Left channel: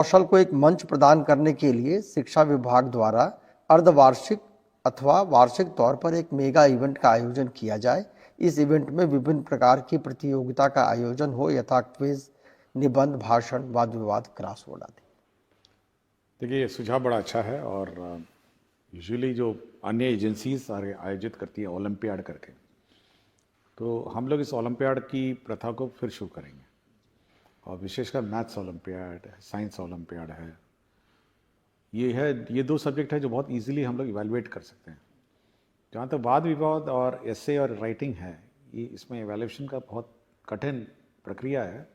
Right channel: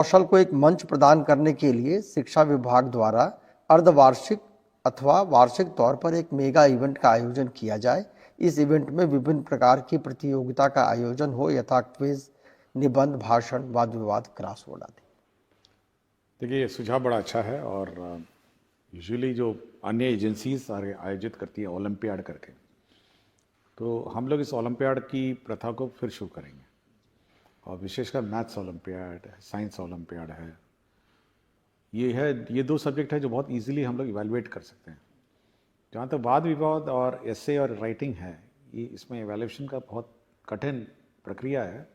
कौशल को एक मंच प्रदान करने के लिए शिक्षा विभाग द्वारा अर्धवार्षिक अथवा वार्षिक तौर पर एक मेगा इवेंट का आयोजन किया जाए। इस इवेंट में विभिन्न प्रकार की प्रतियोगिता का आयोजन हो, यथा क्विज, निबंध, भाषण, वाद विवाद, क्रॉसवर्ड आदि। देखिए, ये सुझाव बड़ा अच्छा है और यूजुअली जो अन्य एजेंसीज आयोजित करती हैं ओलंपियाड करके, तो हम लोग इस ओलंपियाड की प्रथा को फिर शुरू करेंगे और विशेषकर मैथ्स ओलंपियाड, साइंस ओलंपियाड है। ये दो सब्जेक्ट है जो बहुत इजीली हम लोग इवेलुएट कर सकते हैं। जहाँ तक वाद विवाद और एसे और राइटिंग है, ये इसमें इवेल्यूएशन का बहुत कठिन प्रक्रिया है,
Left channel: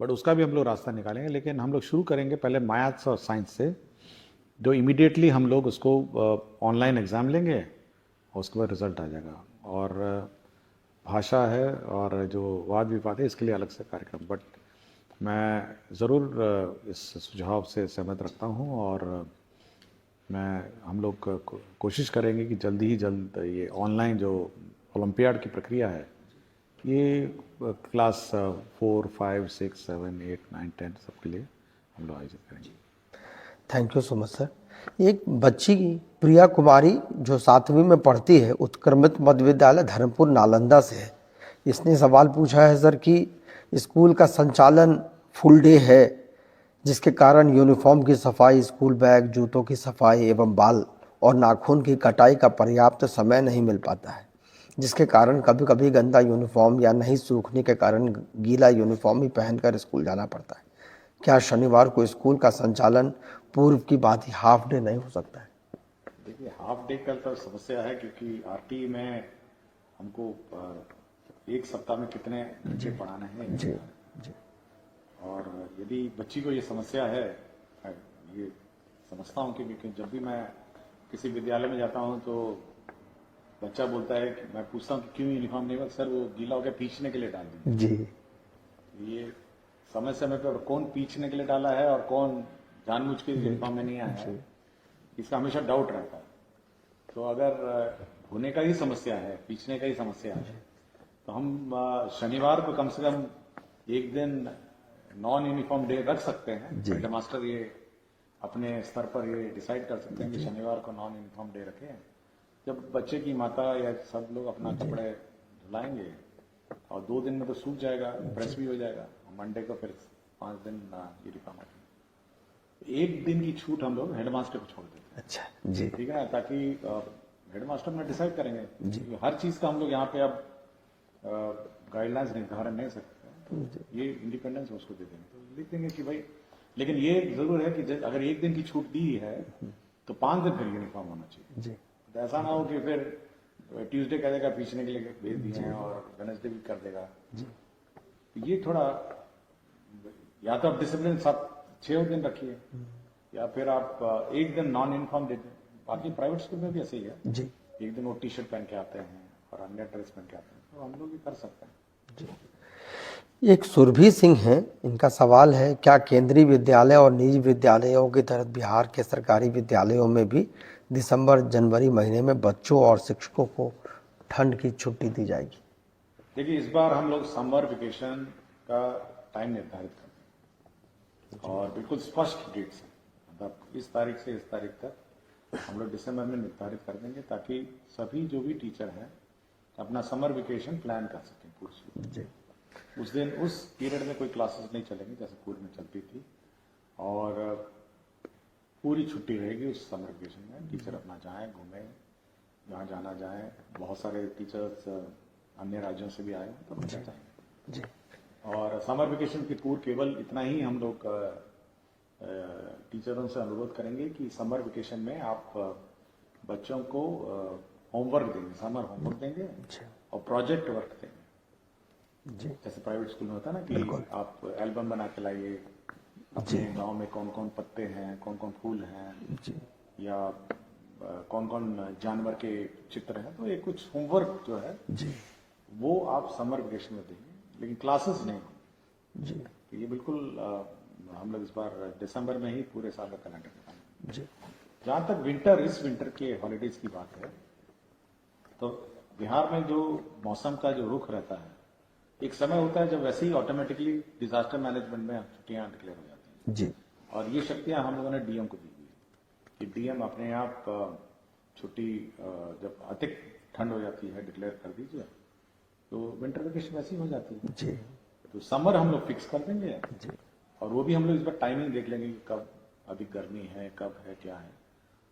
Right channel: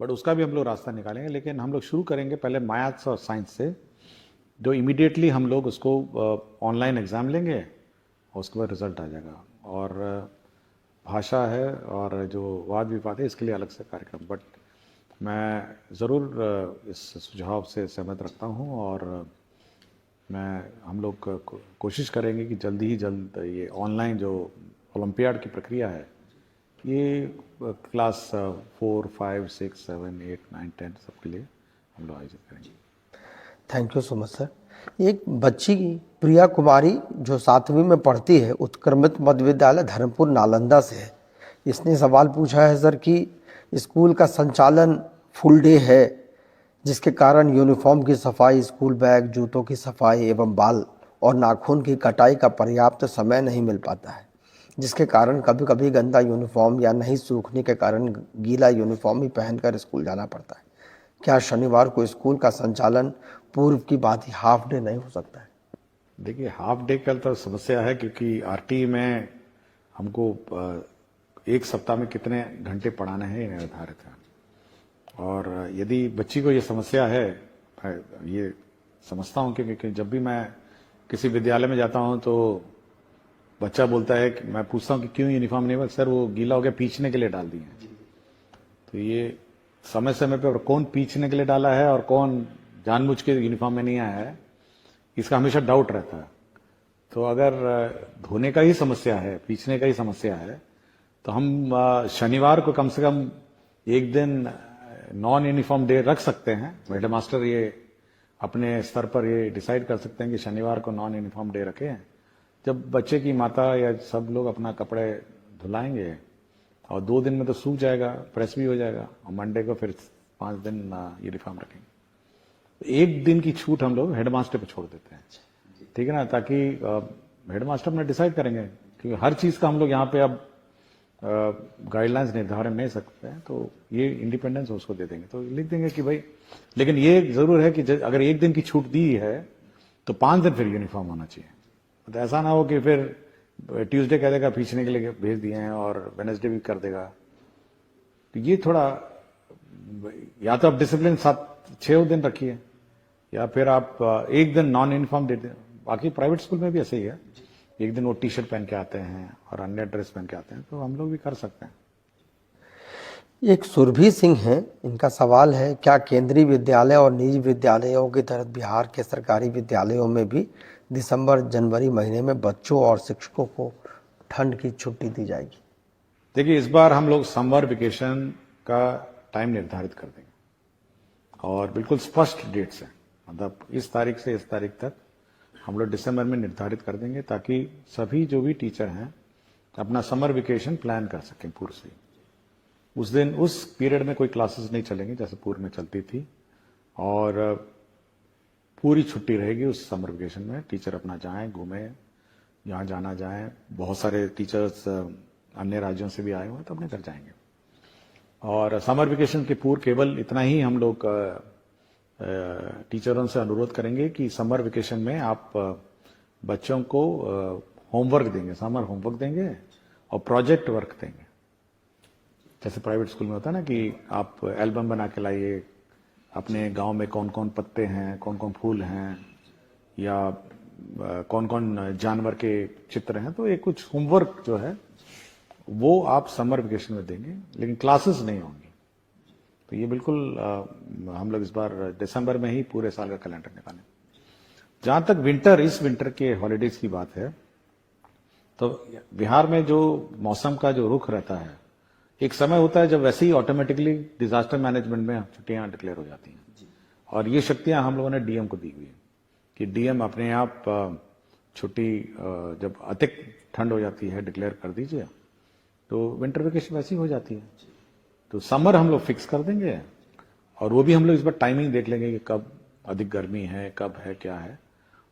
बट उसका भी हम लोग रास्ता निकालेंगे। लेकिन हम लोग शुरू करेंगे पहले मैथ्स और साइंस से, जो इमीडिएटली हम लोग उसको ऑनलाइन एग्ज़ाम लेंगे और उसके बाद रिजल्ट आ जाएगा। और भाषा है और जो वाद विवाद है, इसके लिए अलग से कार्यक्रम। बट मैं ज़रूर इस सुझाव से सहमत रखता हूँ और हम लोग कोशिश करेंगे कि जल्दी ही जल्द ये ऑनलाइन जो ओलंपियाड की प्रक्रिया है, ये क्लास 4, 5, 6, 7, 8, 9, 10 सबके लिए हम लोग आयोजित करेंगे। Thank you so much sir. एक बच्ची प्रिया कुमारी जो 7वीं में पढ़ती है, उत्क्रमित मध्य विद्यालय धर्मपुर नालंदा से है। इसने सवाल पूछा है सर कि स्कूल का संचालन फुल डे है, जिसके कारण यूनिफॉर्म की सफाई, स्कूल बैग, जूतों की सफाई एवं बाल और नाखून की कटाई का पर्याप्त समय नहीं मिल पाता है, जिसके कारण कभी कभी गंदा यूनिफॉर्म या नहीं सूखने के कारण गीला यूनिफॉर्म ही पहनकर स्कूल जाना पड़ता है। क्या शनिवार को स्कूल का संचालन पूर्व की बात ही हाफ डे नहीं हो सकता है? देखिए, हाफ डे का तो समस्या है, क्योंकि आरटी में हमको एक सप्ताह में कितने घंटे पढ़ाने हैं निर्धारित है। और यदि बच्ची को ये समस्या है, ये समझता हूँ, क्योंकि जब भी मैं किसी विद्यालय में जाता हूँ तो बच्चा बोलता है कि मैं पूछता हूँ कि क्यों यूनिफॉर्म नहीं बना? सर वो गीला हो गया, पीछने के लिए डाल दिया जी। तो ये समय समय पर कौन पीछने के लिए डाला है और कौन जानबूझ के यूनिफॉर्म में नहीं आया है, इसका हमेशा डाउट रहता है। तो अगर धोने का ही समस्या है, पीछने का ही समस्या है, तो हम शनिवार को कम से कम एक दिन नॉन यूनिफॉर्म डे रख सकते हैं। हेडमास्टर ये अपने स्तर पर ये डिसाइड कर सकते हैं कि शनिवार को नॉन यूनिफॉर्म डे रखें, जब बच्चे की माता या सब लोग अपना कपड़े धुलाएंगे और 2 दिन में तो सूख जाएगा, प्रेस भी हो जाएगा, और मंडे को फिर 5 दिन यूनिफॉर्म रखेंगे। एक दिन की छूट हम लोग हेडमास्टर को छोड़ देते हैं। अच्छा जी, ठीक है ना, ताकि हेडमास्टर अपने डिसाइड करेंगे, क्योंकि हर चीज का हम लोग यहाँ पे अब गाइडलाइंस निर्धारण नहीं सकते हैं, तो ये इंडिपेंडेंस उसको दे देंगे, तो लिख देंगे कि भाई। लेकिन ये जरूर है कि अगर एक दिन की छूट दी है तो 5 दिन फिर यूनिफॉर्म होना चाहिए जी। तो ऐसा ना हो कि फिर ट्यूसडे कह देगा पीछने के लिए भेज दिए हैं और वेडनेसडे भी कर देगा। तो ये थोड़ा, या तो आप डिसिप्लिन 7-6 दिन रखिए, या फिर आप एक दिन नॉन यूनिफॉर्म दे दें। बाकी प्राइवेट स्कूल में भी ऐसे ही है जी, एक दिन वो टी शर्ट पहन के आते हैं और अन्य ड्रेस पहन के आते हैं, तो हम लोग भी कर सकते हैं जी। एक सुरभि सिंह है, इनका सवाल है, क्या केंद्रीय विद्यालय और निजी विद्यालयों की तरह बिहार के सरकारी विद्यालयों में भी दिसंबर जनवरी महीने में बच्चों और शिक्षकों को ठंड की छुट्टी दी जाएगी? देखिए, इस बार हम लोग समर वेकेशन का टाइम निर्धारित कर देंगे और बिल्कुल स्पष्ट डेट से, मतलब इस तारीख से इस तारीख तक हम लोग दिसंबर में निर्धारित कर देंगे, ताकि सभी जो भी टीचर हैं अपना समर वेकेशन प्लान कर सकें पूर्व से। उस दिन उस पीरियड में कोई क्लासेस नहीं चलेंगी जैसे पूर्व में चलती थी, और पूरी छुट्टी रहेगी उस समर वेकेशन में। टीचर अपना जाएं, घूमें, जहाँ जाना जाएं। बहुत सारे टीचर्स अन्य राज्यों से भी आए हुए, तो अपने घर जाएंगे। और समर वेकेशन के पूर्व केवल इतना ही हम लोग टीचरों से अनुरोध करेंगे कि समर वेकेशन में आप बच्चों को होमवर्क देंगे, समर होमवर्क देंगे और प्रोजेक्ट वर्क देंगे। जैसे प्राइवेट स्कूल में होता है ना कि आप एल्बम बना के लाइए, अपने गांव में कौन कौन पत्ते हैं, कौन कौन फूल हैं, या कौन कौन जानवर के चित्र हैं, तो ये कुछ होमवर्क जो है वो आप समर वेकेशन में देंगे, लेकिन क्लासेस नहीं होंगी जी। तो ये बिल्कुल हम लोग इस बार दिसंबर में ही पूरे साल का कैलेंडर निकालें। जहां तक इस विंटर के हॉलीडेज की बात है, तो बिहार में जो मौसम का जो रुख रहता है, एक समय होता है जब वैसे ही ऑटोमेटिकली डिजास्टर मैनेजमेंट में छुट्टियां डिक्लेयर हो जाती हैं जी। और ये शक्तियां हम लोगों ने डीएम को दी हुई है कि डीएम अपने आप छुट्टी जब अधिक ठंड हो जाती है डिक्लेयर कर दीजिए, तो विंटर वेकेशन वैसी हो जाती है जी। तो समर हम लोग फिक्स कर देंगे और वो भी हम लोग इस बार टाइमिंग देख लेंगे कि कब अधिक गर्मी है, कब है, क्या है,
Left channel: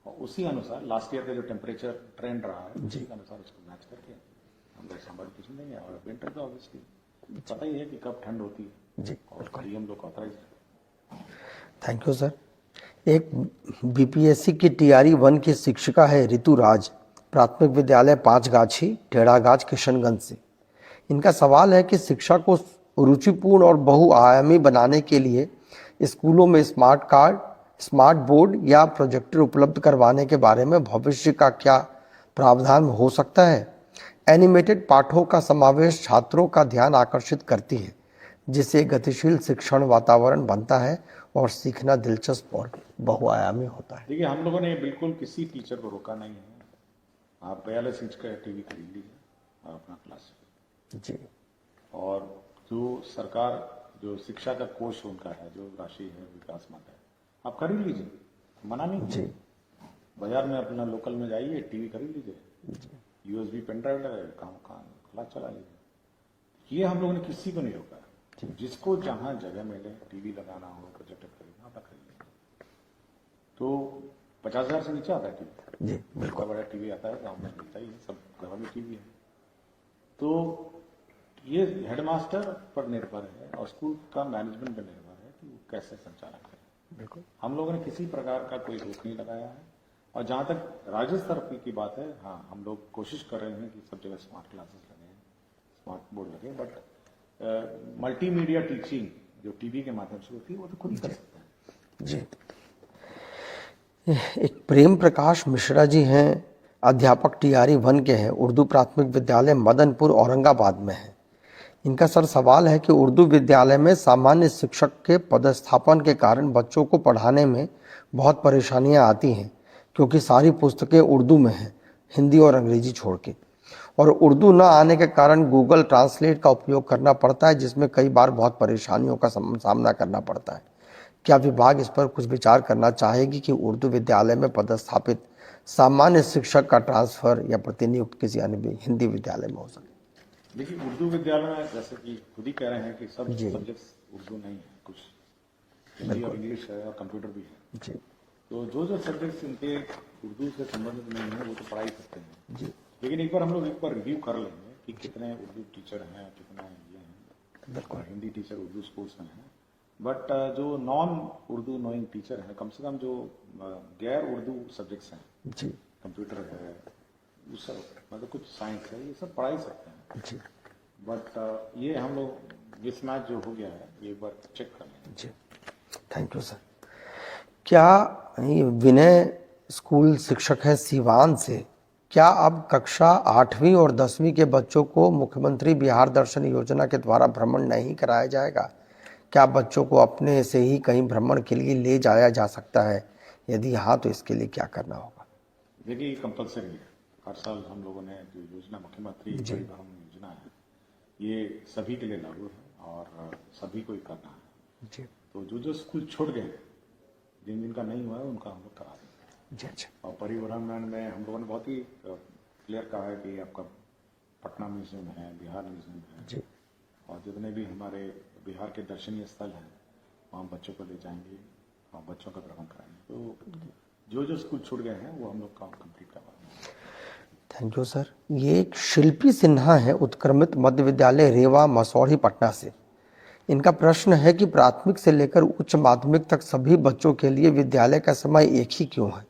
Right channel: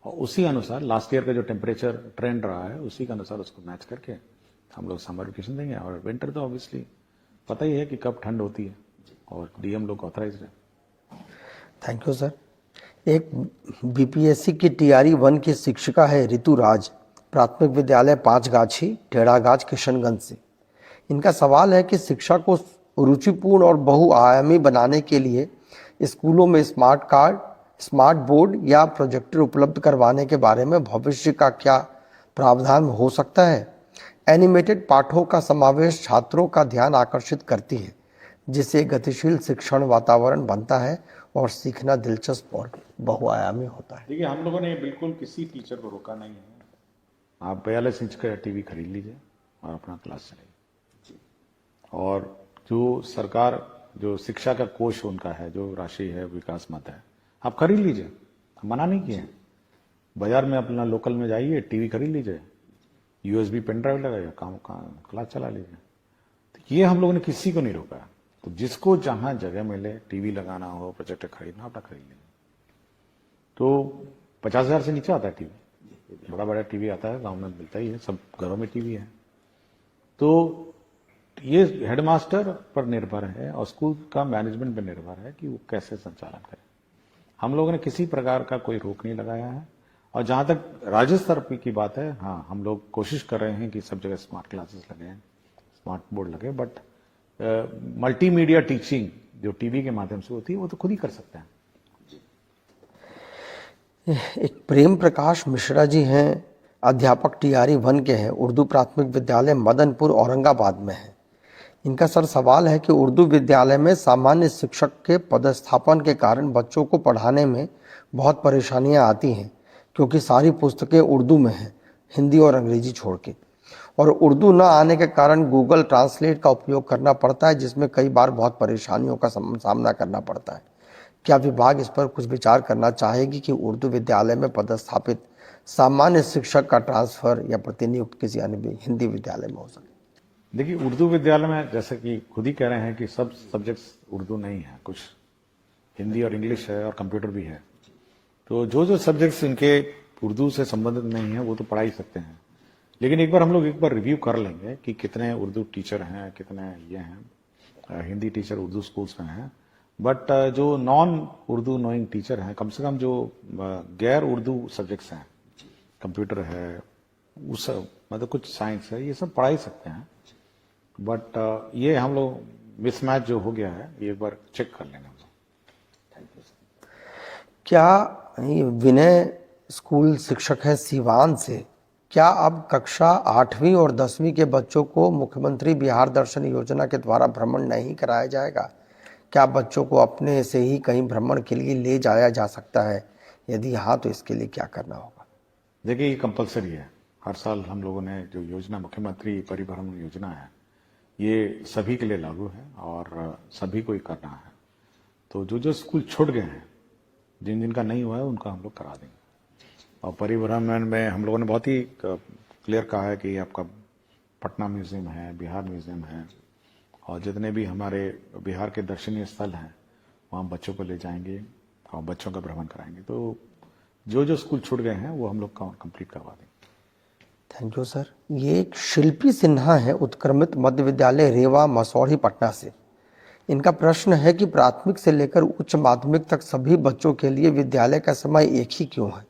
और उसी अनुसार लास्ट ईयर का जो टेम्परेचर ट्रेंड रहा है उसी के अनुसार उसको मैच करके हम लोग समर वेकेशन देंगे। और विंटर तो ऑब्वियसली पता ही है कि कब ठंड होती है जी। और डीएम लोग ऑथराइज है। Thank you sir. एक बीपीएससी की टीआरई 1 की शिक्षिका है ऋतु राज, प्राथमिक विद्यालय पांचगाछी टेढ़ागाछ किशनगंज से। इनका सवाल है कि शिक्षा को रुचिपूर्ण और बहुआयामी बनाने के लिए स्कूलों में स्मार्ट कार्ड, स्मार्ट बोर्ड या प्रोजेक्टर उपलब्ध करवाने के बारे में भविष्य का क्या प्रावधान हो सकता है। एनिमेटेड पाठों का समावेश छात्रों का ध्यान आकर्षित करती है, जिससे गतिशील शिक्षण वातावरण बनता है और सीखना दिलचस्प और बहुआयामी होता है। देखिए, हम लोगों ने बिल्कुल किसी टीचर को रोका नहीं है। आप 42 इंच का टीवी खरीद लीजिए और अपना क्लास चलाइए। जी। और जो सरकार जो शिक्षा का कोष उनका है, जो राशि है विकास मत है, आप खरीद लीजिए, मना नहीं किया। बाजार में अपना लोकल में जाइए, टीवी खरीद लीजिए, यूएसबी पेन ड्राइव लगाइए, काम क्लास चला लीजिए। तो ये हम लोगों ने किसी को नहीं रोका। तो जिसको जहां जगह मिले, टीवी लगाना हो, प्रोजेक्टर खरीदना, अपना खरीद लेंगे। तो 50,000 से नीचे आता है टीवी जी। बड़ा बड़ा टीवी आता है, गांव में मिलता ही है, सब घरों में टीवी है। तो ये हेडमास्टर पर निर्भर है और स्कूल का मैनेजमेंट पर निर्भर है कि वो कैसे संचालन करे। हम लोगों ने किसी प्रकार का कोई रोक नहीं लगाया है। और जहां तक राज्य स्तर की बात है, हाँ, हम लोग कोशिश कर रहे हैं कि सब जगह स्मार्ट क्लासेस लगे, स्मार्ट बोर्ड लगे, बट मल्टीमीडिया टीचिंग जो टीवी के माध्यम से होती है वो तो खुद ही कर सकते हैं। जी। एक प्रेम प्रकाश मिश्रा जी हैं, अध्यापक टीआरई 1 के हैं, उर्दू प्राथमिक विद्यालय मदनपुर औरंगाबाद में है। इनका सर सवाल है कि उर्दू विद्यालय में सामान्य शिक्षक के पदस्थापन के कारण बच्चों को पढ़ाने में बहुत परेशानियां आती हैं, क्योंकि सारी पुस्तकें उर्दू में हैं, हिंदी और अंग्रेजी छोड़ के, और उर्दू न आने के कारण गूगल ट्रांसलेट का उपयोग करना पड़ता है, जिसमें कई बार बहुत परेशानियों का सामना करना पड़ता है। क्या विभाग इस पर कुछ विचार करना चाहेगी कि उर्दू विद्यालय में पदस्थापित सामान्य शिक्षक का ट्रांसफर या प्रतिनियुक्त किसी अन्य हिंदी विद्यालय में हो सके? देखिए, उर्दू विद्यालय में जैसे कि खुद ही कह रहे हैं कि सब सब्जेक्ट्स उर्दू नहीं है, कुछ हिंदी और इंग्लिश है और कंप्यूटर भी है। जी। तो जो सब्जेक्ट्स इनके उर्दू से संबंधित नहीं है वो तो पढ़ा ही सकते हैं। जी। लेकिन एक बार रिव्यू कर लेंगे कि कितने उर्दू टीचर हैं, कितने ये हैं, हिंदी टीचर उर्दू स्कूल्स में हैं। बट जो नॉन उर्दू नोइंग टीचर हैं, कम से कम जो गैर उर्दू सब्जेक्ट्स हैं, जी, कंप्यूटर है, उस मतलब कुछ साइंस है, ये सब पढ़ा ही सकते हैं। जी। बट ये हम लोग मिसमैच जो हो गया है ये एक बार चेक कर लेंगे। जी। Thank you sir. क्या विनय स्कूल शिक्षक है सीवान से, क्या अब कक्षा 8वीं और 10वीं के बच्चों को मुख्यमंत्री बिहार दर्शन योजना के द्वारा भ्रमण नहीं कराया जाएगा? क्या बच्चों को अपने से ही कहीं भ्रमण के लिए ले जाया जा सकता है? यदि हाँ, तो इसके लिए क्या करना होगा? देखिए, ये कंपलसरी है। हर साल हम लोगों ने जो योजना मुख्यमंत्री परिभ्रमण योजना है, ये सभी के लिए लागू है और सभी को ही करना है। जी। तो जो स्कूल छूट गए हैं, जिन का नहीं हुआ है, उनका हम लोग करा देंगे। जी। अच्छा। और परिभ्रमण में हम लोगों ने बहुत ही क्लियर कहा है कि आपका पटना म्यूजियम है, बिहार म्यूजियम है, जी, और जितने भी हमारे बिहार के दर्शनीय स्थल हैं वहाँ बच्चों को ले जाएंगे और बच्चों का भ्रमण कराएंगे। तो जो स्कूल छूट गए हैं वो हम लोग कंप्लीट करवा देंगे। Thank you sir. ये एक शिल्पी सिन्हा है, उत्क्रमित मध्य विद्यालय रेवा मसौढ़ी पटना से। इनका प्रश्न है कि प्राथमिक से लेकर उच्च माध्यमिक तक सभी बच्चों के लिए विद्यालय का समय एक ही क्यों है?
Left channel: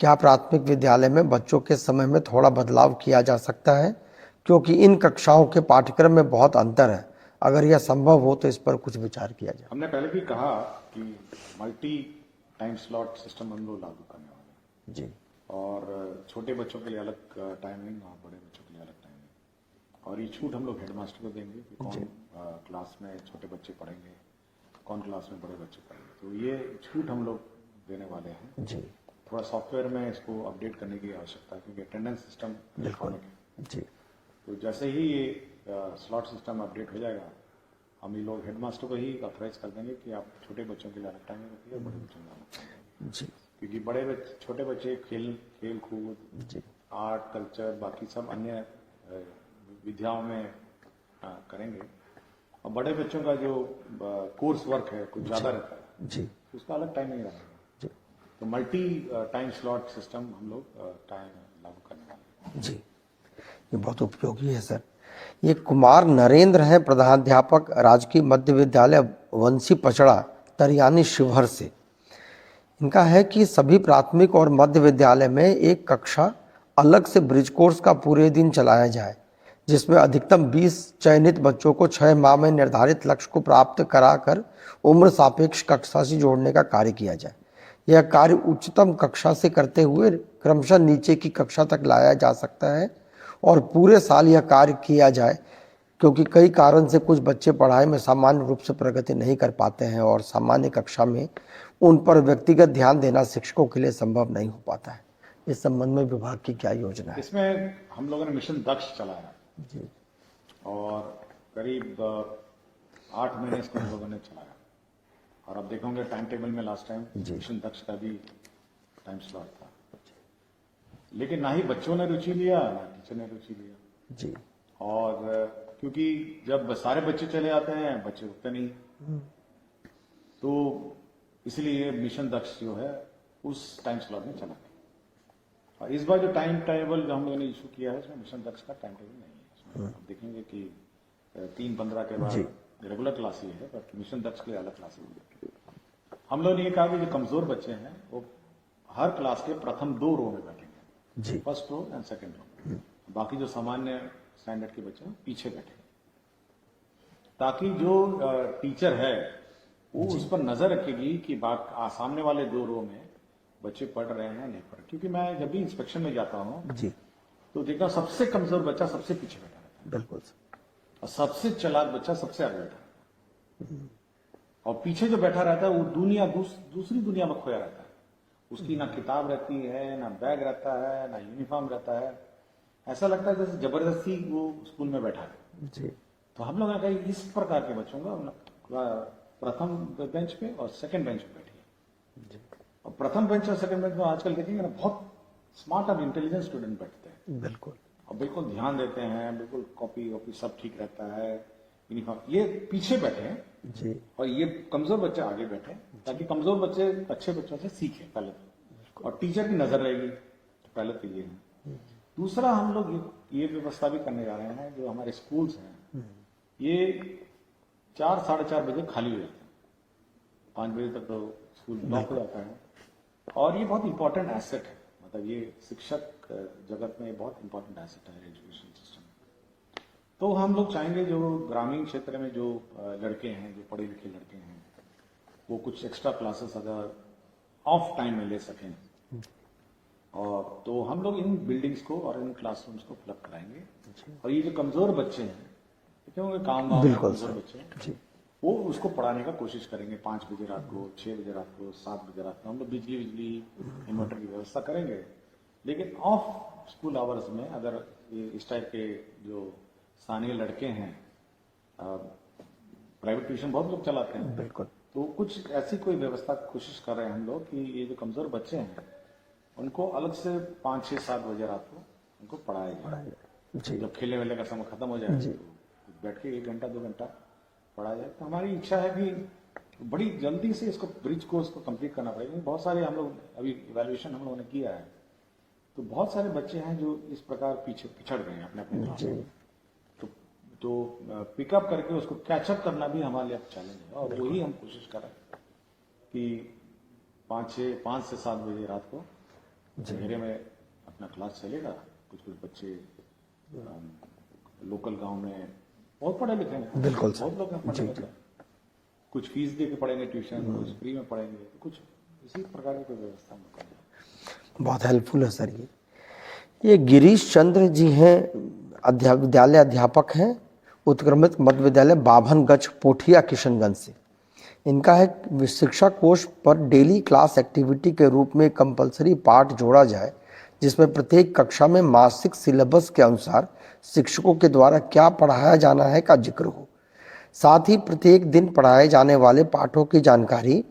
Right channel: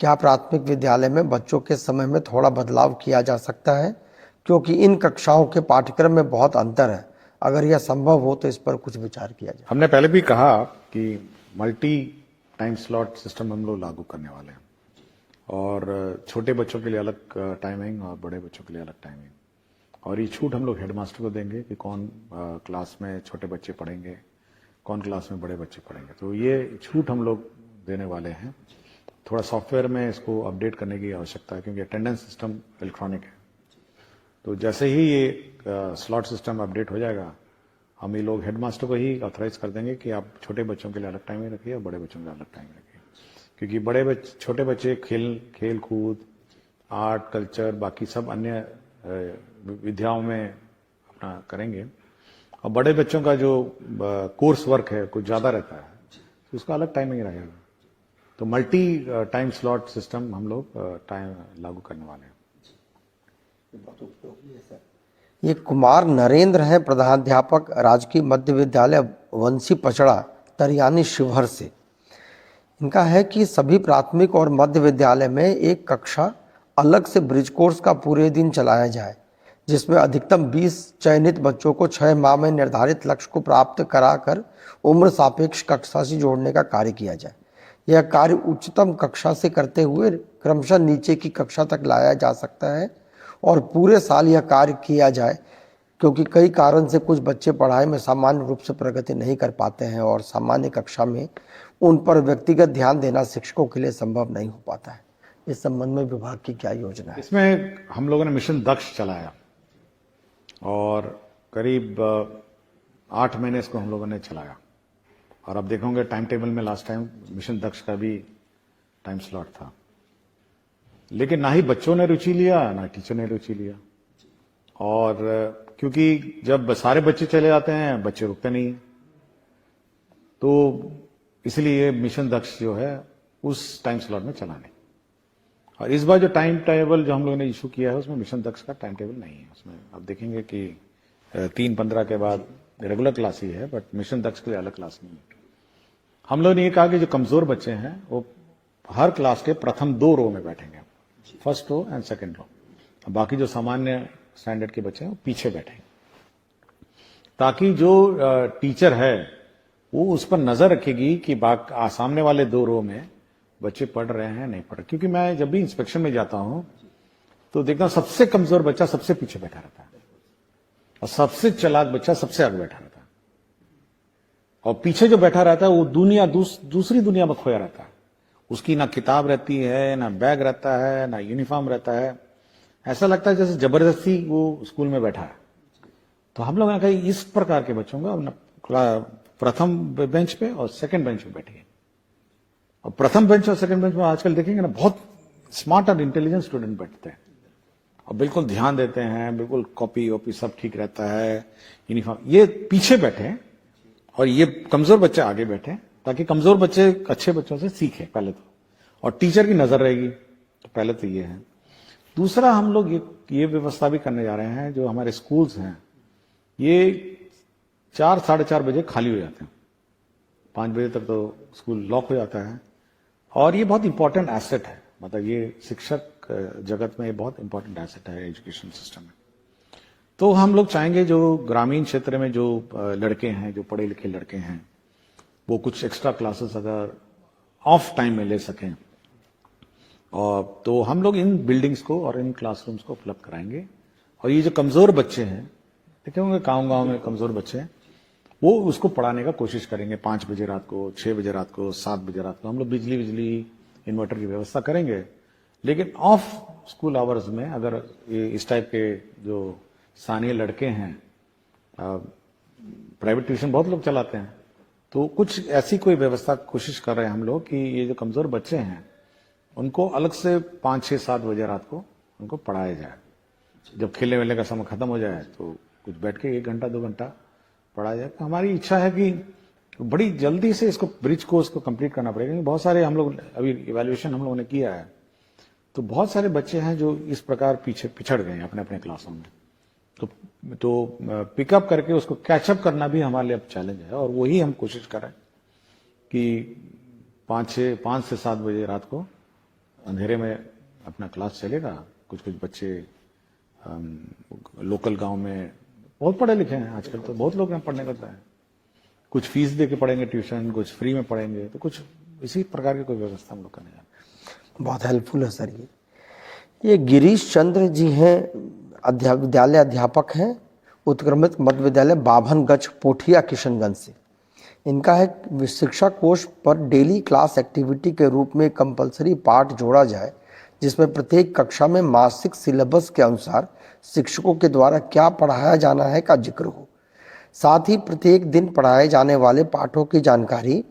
क्या प्राथमिक विद्यालय में बच्चों के समय में थोड़ा बदलाव किया जा सकता है, क्योंकि इन कक्षाओं के पाठ्यक्रम में बहुत अंतर है? अगर यह संभव हो तो इस पर कुछ विचार किया जाए। हमने पहले भी कहा कि मल्टी टाइम स्लॉट सिस्टम हम लोग लागू करने वाले हैं। जी। और छोटे बच्चों के लिए अलग टाइमिंग और बड़े बच्चों के लिए अलग टाइमिंग, और ये छूट हम लोग हेडमास्टर को देंगे कि कौन क्लास में छोटे बच्चे पढ़ेंगे, कौन क्लास में बड़े बच्चे पढ़ेंगे। तो ये छूट हम लोग देने वाले हैं। जी। थोड़ा सॉफ्टवेयर में इसको अपडेट करने की आवश्यकता है, क्योंकि अटेंडेंस सिस्टम इलेक्ट्रॉनिक है। जी। तो जैसे ही ये स्लॉट सिस्टम अपडेट हो जाएगा हम ये लोग हेडमास्टर को ही ऑथराइज कर देंगे कि आप छोटे बच्चों के लिए अलग टाइम रखिए और बड़े बच्चों के लिए अलग टाइम रखिए। जी क्योंकि छोटे बच्चे खेल कूद, आर्ट, कल्चर, बाकी सब अन्य विद्याओं में अपना करेंगे, और बड़े बच्चों का जो कोर्स वर्क है कुछ ज़्यादा रहता है जी तो उसका अलग टाइमिंग रहेगा। तो मल्टी टाइम स्लॉट सिस्टम हम लोग टाइम लागू करने वाले हैं। जी, ये बहुत उपयोगी है सर। ये कुमार नरेंद्र हैं, प्रधानाध्यापक राजकीय मध्य विद्यालय वंशी पचड़ा, तरियानी शिवहर से। इनका है कि सभी प्राथमिक और मध्य विद्यालय में एक कक्षा अलग से ब्रिज कोर्स का पूरे दिन चलाया जाए, जिसमें अधिकतम 20 चयनित बच्चों को 6 माह में निर्धारित लक्ष्य को प्राप्त कराकर उम्र सापेक्ष कक्षा से जोड़ने का कार्य किया जाए। यह कार्य उच्चतम कक्षा से करते हुए क्रमशः नीचे की कक्षा तक लाया जा सकता है और पूरे साल यह कार्य किया जाए, क्योंकि कई कारण से कुछ बच्चे पढ़ाई में सामान्य रूप से प्रगति नहीं कर पाते हैं और सामान्य कक्षा में उन पर व्यक्तिगत ध्यान देना शिक्षकों के लिए संभव नहीं हो पाता है। इस संबंध में विभाग की क्या योजना है? इसमें हम लोगों ने मिशन दक्ष चलाया और करीब 8 महीने इसको हम लोगों ने चलाया, और अब देखोगे टाइम टेबल में लास्ट टाइम मिशन दक्ष का भी टाइम स्लॉट था, लेकिन ना ही बच्चों ने रुचि लिया ना टीचर ने रुचि लिया जी। और क्योंकि जब सारे बच्चे चले जाते हैं बच्चे रुकते नहीं, तो इसलिए मिशन दक्ष जो है उस टाइम स्लॉट में चला नहीं। और इस बार जो टाइम टेबल जो हम लोगों ने इशू किया है उसमें मिशन दक्ष का टाइम टेबल नहीं है। उसमें अब देखेंगे कि 3-15 के बाद रेगुलर क्लास ही है, बट मिशन दक्ष के लिए अलग क्लास नहीं है। हम लोगों ने ये कहा कि जो कमजोर बच्चे हैं वो हर क्लास के प्रथम 2 रो में बैठेंगे, first row and second row. बाकी जो सामान्य स्टैंडर्ड के बच्चे हैं वो पीछे बैठेंगे, ताकि जो टीचर है वो उस पर नजर रखेगी कि सामने वाले 2 रो में बच्चे पढ़ रहे हैं नहीं पढ़ रहे। क्योंकि मैं जब भी इंस्पेक्शन में जाता हूं जी तो देखता हूं सबसे कमजोर बच्चा सबसे पीछे बैठा रहता है, बिल्कुल, और सबसे चालाक बच्चा सबसे आगे बैठा रहता है, और पीछे जो बैठा रहता है वो दूसरी दुनिया में खोया रहता है। उसकी ना किताब रहती है, ना बैग रहता है, ना यूनिफॉर्म रहता है। ऐसा लगता है जैसे जबरदस्ती वो स्कूल में बैठा है जी। तो हम लोगों ने कहा इस प्रकार के बच्चों को प्रथम बेंच पे और सेकंड बेंच पे बैठिए। और प्रथम बेंच और सेकंड बेंच में आजकल देखेंगे ना बहुत स्मार्ट और इंटेलिजेंट स्टूडेंट बैठते हैं, बिल्कुल, और बिल्कुल ध्यान देते हैं, बिल्कुल कॉपी वॉपी सब ठीक रहता है, यूनिफॉर्म। ये पीछे बैठे जी, और ये कमजोर बच्चे आगे बैठे, ताकि कमजोर बच्चे अच्छे बच्चों से सीखें पहले तो, और टीचर की नजर रहेगी। तो पहले तो ये है। दूसरा हम लोग ये व्यवस्था भी करने जा रहे हैं, जो हमारे स्कूल्स हैं ये 4-4:30 बजे खाली हो जाते हैं, 5 बजे तक तो स्कूल लॉक हो जाता है। और ये बहुत इंपॉर्टेंट एसेट है, मतलब ये शिक्षक जगत में बहुत इंपॉर्टेंट एसेट है एजुकेशन सिस्टम में। तो हम लोग चाहेंगे जो ग्रामीण क्षेत्र में जो लड़के हैं, जो पढ़े लिखे लड़के हैं, वो कुछ एक्स्ट्रा क्लासेस अगर ऑफ टाइम में ले सकें, और तो हम लोग इन बिल्डिंग्स को और इन क्लासरूम्स को उपलब्ध कराएंगे। और ये जो कमजोर बच्चे हैं, देखे होंगे गाँव में कमजोर बच्चे हैं, वो उसको पढ़ाने का कोशिश करेंगे 5 बजे रात को, 6 बजे रात को, 7 बजे रात को। हम लोग बिजली इन्वर्टर की व्यवस्था करेंगे, लेकिन ऑफ स्कूल आवर्स में अगर ये इस टाइप के जो स्थानीय लड़के हैं, प्राइवेट ट्यूशन बहुत लोग चलाते हैं, बिल्कुल, तो कुछ ऐसी कोई व्यवस्था कोशिश कर रहे हैं हम लोग कि ये जो कमजोर बच्चे हैं उनको अलग से 5, 6, 7 बजे रात को उनको पढ़ाया जाए। जब खेलने वेलने का समय खत्म हो जाए तो कुछ बैठ के 1 घंटा 2 घंटा पढ़ाया जाए। तो हमारी इच्छा है कि बड़ी जल्दी से इसको ब्रिज कोर्स को कंप्लीट करना पड़ेगा, क्योंकि बहुत सारे हम लोग अभी इवैल्यूएशन हम लोगों ने किया है, तो बहुत सारे बच्चे हैं जो इस प्रकार पिछड़ गए हैं अपने अपने क्लासों में। तो पिकअप करके उसको कैचअप करना भी हमारे लिए अब चैलेंज है, और वही हम कोशिश कर रहे हैं कि 5 से 7 बजे रात को अंधेरे में अपना क्लास चलेगा। कुछ बच्चे लोकल गांव में बहुत पढ़े लिखे हैं, बिल्कुल बहुत लोग हैं पढ़ने का है, कुछ फीस दे के पढ़ेंगे ट्यूशन, कुछ फ्री में पढ़ेंगे, तो कुछ इसी प्रकार की कोई व्यवस्था हम लोग करेंगे। बहुत हेल्पफुल है सर। ये गिरीश चंद्र जी हैं, विद्यालय अध्यापक हैं, उत्क्रमित मध्य विद्यालय बाभनगंज पोठिया किशनगंज से। इनका है शिक्षा कोष पर डेली क्लास एक्टिविटी के रूप में कंपलसरी पाठ जोड़ा जाए, जिसमें प्रत्येक कक्षा में मासिक सिलेबस के अनुसार शिक्षकों के द्वारा क्या पढ़ाया जाना है का जिक्र हो। साथ ही प्रत्येक दिन पढ़ाए जाने वाले पाठों की जानकारी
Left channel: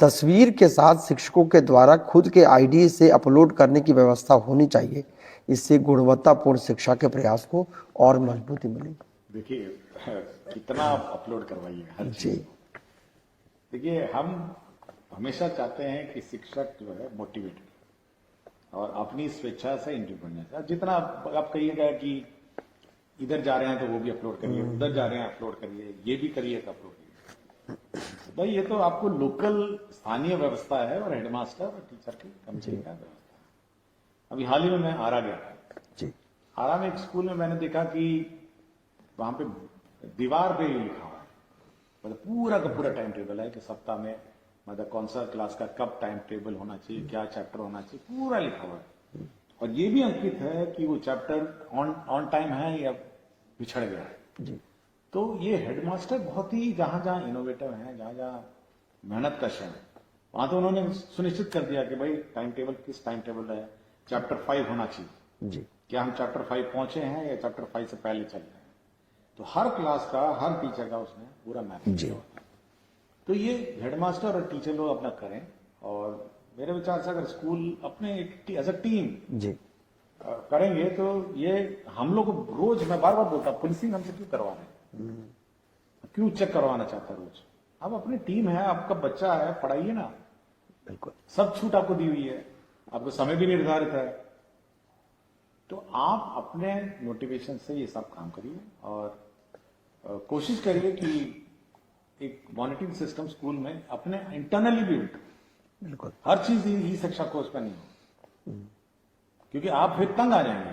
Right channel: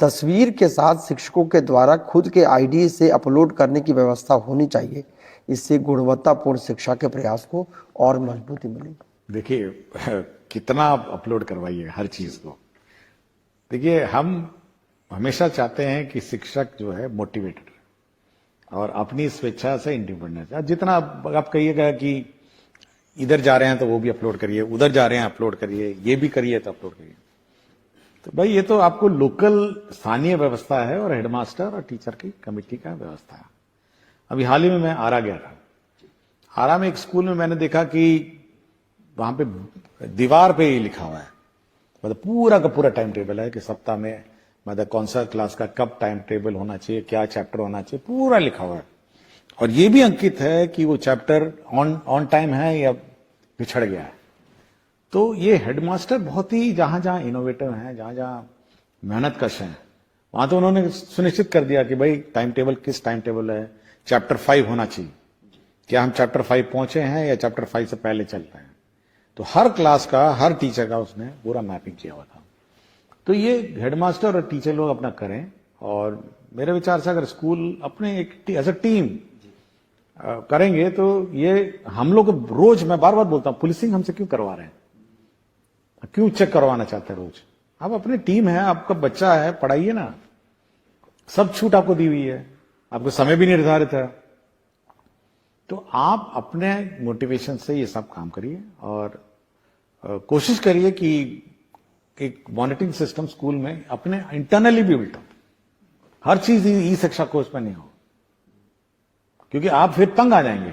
तस्वीर के साथ शिक्षकों के द्वारा खुद के आईडी से अपलोड करने की व्यवस्था होनी चाहिए। इससे गुणवत्तापूर्ण शिक्षा के प्रयास को और मजबूती मिलेगी। देखिए कितना आप अपलोड करवाइए हर चीज को। देखिए हम हमेशा चाहते हैं कि शिक्षक जो है मोटिवेटेड और अपनी स्वेच्छा से इंडिपेंडेंट है। जितना आप कहिएगा कि इधर जा रहे हैं तो वो भी अपलोड करिए, उधर जा रहे हैं अपलोड करिए, ये भी करिए तो अपलोड करिए। तो भाई ये तो आपको लोकल स्थानीय व्यवस्था है और हेडमास्टर और टीचर की कमेटी का व्यवस्था है। अभी हाल ही में मैं आरा गया था जी। आरा में एक स्कूल में मैंने देखा कि वहां पे दीवार पे ही लिखा हुआ है, मतलब पूरा का पूरा टाइम टेबल है कि सप्ताह में मतलब कौन सा क्लास का कब टाइम टेबल होना चाहिए, क्या चैप्टर होना चाहिए, पूरा लिखा हुआ है। और ये भी अंकित है कि वो चैप्टर ऑन टाइम है या पिछड़ गया है। तो ये हेडमास्टर बहुत ही जहां जहां इनोवेटिव है, जहां जहां मेहनत कश है, वहां तो उन्होंने सुनिश्चित कर दिया कि भाई टाइम टेबल किस टाइम टेबल है, चैप्टर 5 होना चाहिए जी। क्या हम चैप्टर 5 पहुंचे हैं या चैप्टर 5 से पहले चल रहे हैं। तो हर क्लास का हर टीचर का उसने पूरा मैपिंग किया हुआ था। तो ये हेडमास्टर और टीचर लोग अपना करें और मेरे विचार से अगर स्कूल अपने एक एज अ टीम जी करेंगे तो ये हम लोग रोज, मैं बार बार बोलता हूं, पुलिसिंग हमसे क्यों करवा रहे हैं, क्यों चेक करवाना चाहते हैं रोज। आप अपनी टीम है, आपका बच्चा है, पढ़ाइए ना। बिल्कुल सब छूट आपको दी हुई है, आपको समय भी निर्धारित है। तो आप अपने मोटिवेशन से ये सब काम करिए और कोशिश करिए कि एक मॉनिटरिंग सिस्टम स्कूल में अपने इंटरनली भी बिल्ट हो। बिल्कुल हर चीज ई शिक्षा कोर्स में नहीं हो, क्योंकि आप फिर तंग आ जाएंगे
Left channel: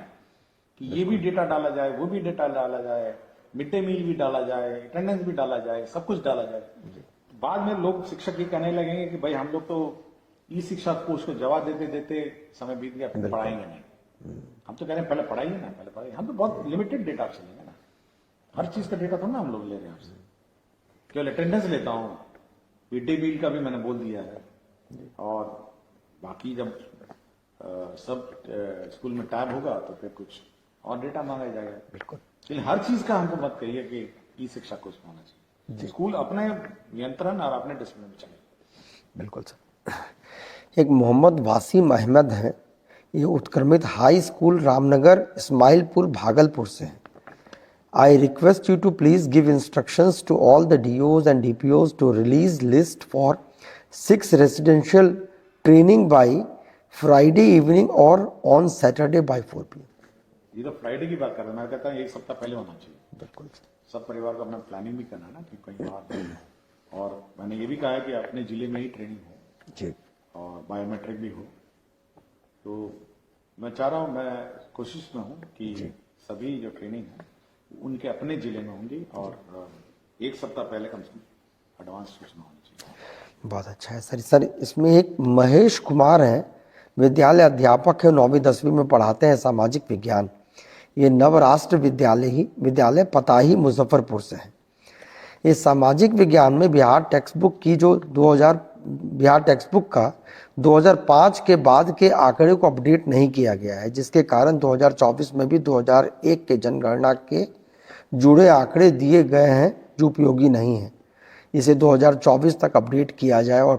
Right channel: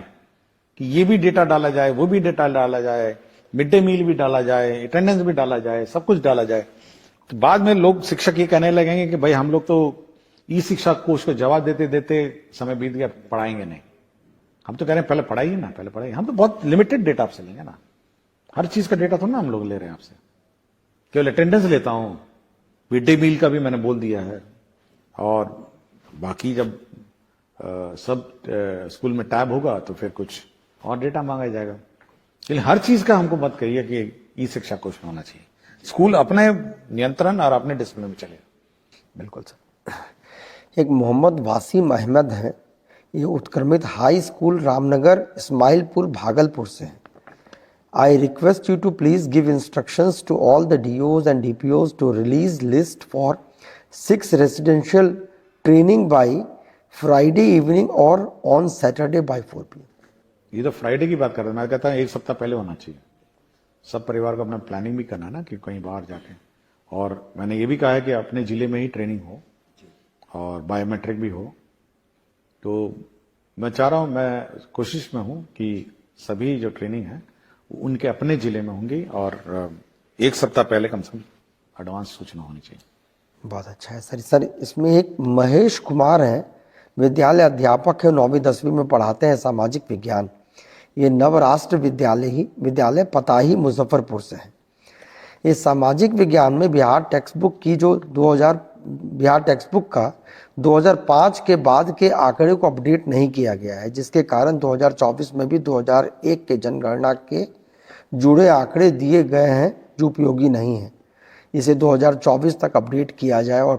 कि ये भी डेटा डाला जाए, वो भी डेटा डाला जाए, मिड डे मील भी डाला जाए, अटेंडेंस भी डाला जाए, सब कुछ डाला जाए। तो बाद में लोग शिक्षक ये कहने लगेंगे कि भाई हम लोग तो ई शिक्षा कोर्स को जवाब देते देते समय बीत गया, पढ़ाएंगे नहीं। हम तो कह रहे हैं पहले पढ़ाइए ना, पहले पढ़ाइए। हम तो बहुत लिमिटेड डेटा आपसे लेंगे ना, हर चीज का डेटा थोड़ा ना हम लोग ले रहे हैं आपसे। केवल अटेंडेंस लेता हूं, मिड डे मील का भी मैंने बोल दिया है, और बाकी जब सब स्कूल में टैब होगा तो फिर कुछ और डेटा मांगा जाएगा। बिल्कुल, लेकिन हर चीज का हमको मत करिए कि ई शिक्षा कोर्स में होना चाहिए। स्कूल अपने नियंत्रण और अपने डिसिप्लिन में चले। बिल्कुल सर। एक मोहम्मद वासीम अहमद है, ये उत्क्रमित हाई स्कूल रामनगर इस्माइलपुर भागलपुर से है। I request you to please give instructions to all the DOs and DPOs to release list for 6 residential training by Friday evening or on Saturday by 4 PM. ये तो फ्राइडे की बात कर रहा हूं, मैं कहता हूँ एक सप्ताह पहले होना चाहिए। बिल्कुल, सब परिवार को अपना प्लानिंग भी करना ना कि कहीं बाहर जाए। और मैंने ये भी कहा है कि अपने जिले में ही ट्रेनिंग हो जी, और बायोमेट्रिक भी हो। तो मैं चाह रहा हूं, मैं कोशिश में हूं कि सभी जो ट्रेनिंग है उनके अपने जिले में होंगी और एक सप्ताह पहले कम से कम एडवांस सूचना होनी चाहिए। बहुत अच्छा है सर। सर इसमें एक महेश कुमार हैं, विद्यालय अध्यापक है, 9वीं 10वीं में पढ़ाते हैं सामाजिक विज्ञान। ये नवराष्ट्र विद्यालय पताही मुजफ्फरपुर से है। ये सामाजिक विज्ञान में बिहार टेक्स्ट बुक की जो बिहार टेक्स्ट बुक का 2005 के बाद के आंकड़े को अपडेट नहीं किया गया है, जिसके कारण 2024 में भी 2001 के जनगणना के जुड़े आंकड़े दिए गए हैं जो उपयोगी नहीं है। इसे 2024 तक अपडेट किया जाए और